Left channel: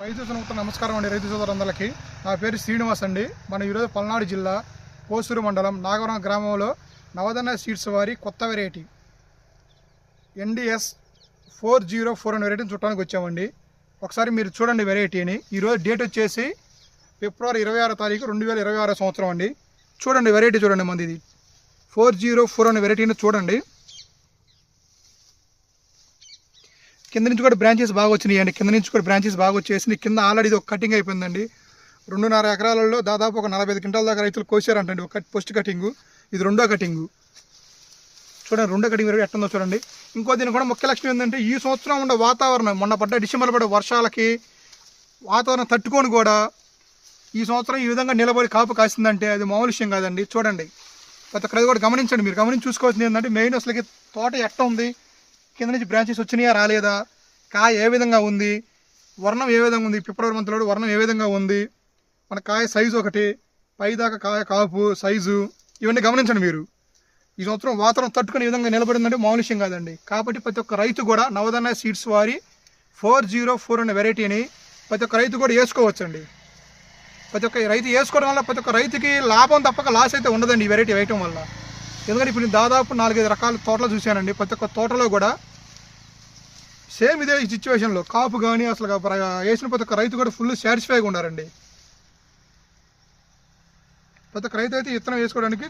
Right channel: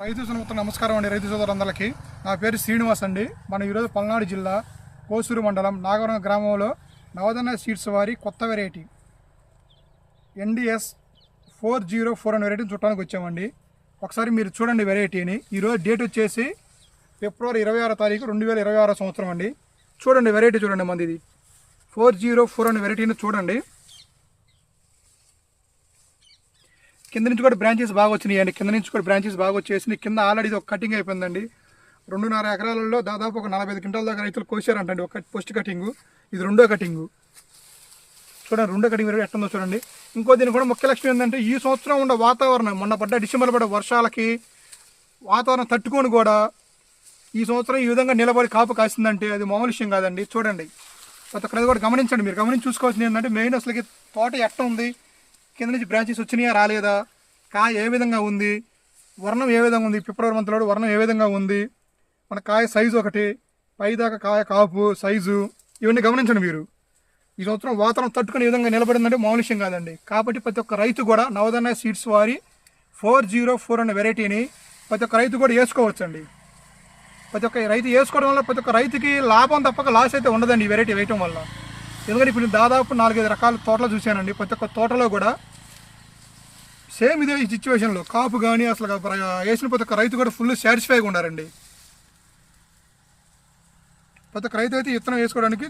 రైతు సోదరులకు నమస్కారం అండి. రైతు సోదరులందరికీ నా పేరు శ్రీనివాస్ అండి. మనం ఈరోజు పల్నాడు జిల్లా కోసూరు మండలం నాగవరం గ్రామంలో నవధాన్య సీడ్స్ వారి కొత్త వెరైటీ NDS 404 అనే వెరైటీని చుట్టానికి వచ్చామండి. ఒకసారి మీరు చూడండి వెరైటీని. ఈరోజు డేట్ వచ్చేసి ఫిబ్రవరి 26 తారీఖు 2026 సంవత్సరం అండి. చూడండి వెరైటీ చూడండి, మంది ఇది 404 అనే వెరైటీని చూడండి. కింద నుంచి కూడా బ్రాంచెస్ బాగా వచ్చినాయి అండి. కింద నుంచి కూడా బ్రాంచెస్ బాగా వచ్చేసి కింద ఆల్రెడీ ఇది ఒక కటింగ్ అయిపోయిందండి. 2.5 ఎకరాలలో దాదాపు ఒక 45 క్వింటాల దాకా రైతులు కోసారంటండి. ఒక ఫస్ట్ కటింగు, ఇది రెండో కటింగు. చూడండి రెండో కటింగ్ ఎట్టుందో చూడండి. ఇంకో దీని కూడా ముఖ్య లక్ష్యం ఏంటంటే ఈ సంవత్సరం ఉన్న వాతావరణం, మొన్న డిసెంబర్ పడ్డ వర్షాలకి వాతావరణం తట్టుకొని కూడా ఈ సంవత్సరం ఈ విధంగా నిలబడి కాపు కాసిందంటే అది మామూలు విషయం కాదండి. చూడండి ప్రతి ఒక్కరు కూడా గమనించండి. మీరు గమనించి చూసుకోవాల్సింది ఏంటంటే మెయిన్ అసలుకి తోట ఎట్ట ఉంది, కింద నుంచి బ్రాంచెస్ వచ్చినాయా రాలేదా, కాయ ఏ విధంగా ఉంది, వర్ణం ఏ విధంగా ఉంది, ఫిబ్రవరి మంత్లో వర్ణం ఏ విధంగా ఉంది, మన కాయ సైజు ఒకటి, పైదాకా కాయ కాపు సైజు, ఇవన్నీ గమనించండి మీరు. ఈ సంవత్సరం వాతావరణం తట్టుకునే విధంగా నిలబడిందంటే మామూలు విషయం కాదండి. కాబట్టి ప్రతి ఒక్క రైతు కూడా నవధాన్య సీడ్స్ వారి 404 అనే వెరైటీని ప్రతి ఒక్క రైతు కూడా వేసుకోవచ్చండి. ప్రతి ఒక్క రైతు వేసుకోవడం వల్ల ప్రతి ఒక్క రైతుకి లాభం తప్పక లాస్ అయితే ఉండదండి ఈ వెరైటీ వేయటం వల్ల. ఎందుకంటే ఇప్పుడు దాదాపు 4-5 రకాల తోటలు చూశానండి. ప్రతి ఒక్క తోటలో కూడా సేమ్ ఇదే ఈ సిచ్యువేషన్లో కాపు కానీ అసలు వేసిన ప్రతి ఒక్క రైతు కూడా ఫుల్ సాటిస్ఫైగా ఉన్నారండి. ప్రతి ఒక్క రైతు అయితే విత్తనం వేసుకోవడానికి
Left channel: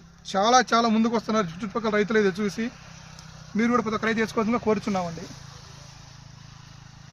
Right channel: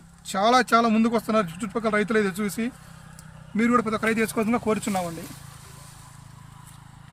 చాలా ముందుకు వస్తున్నారు. చుట్టుపక్కల రైతులు అయితే చూసి మీరు కూడా ప్రతి ఒక్క రైతు వేసుకోవాల్సిందిగా కోరుచున్నామండి.